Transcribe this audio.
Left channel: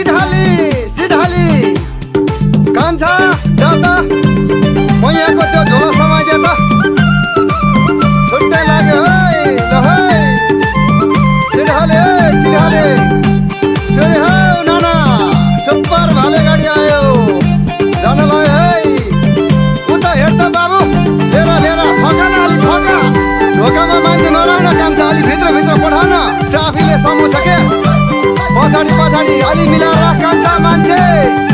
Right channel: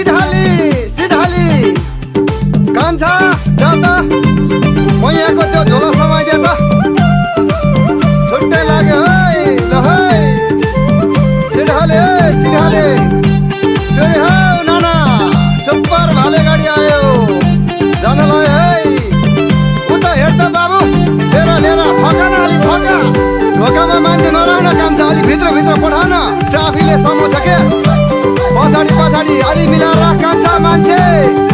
सिधाली सिधाली कान्छा जा त म यहाँको त्यो झोला समाइदिए त छुट्टै लाग्यो है ल है सिधाले सिधाले छोरी हौ नाना सुपर भाले गाडी आयो जानलाई है उता हेर त बाबु लिएर फका न अलि फका ढोकामा मान्छे नराउन कान्छा अलि भित्र पठाउन ट्राफिकले समूह छ के पछाडि अलि मिलाएर राख कान्छा मान्छे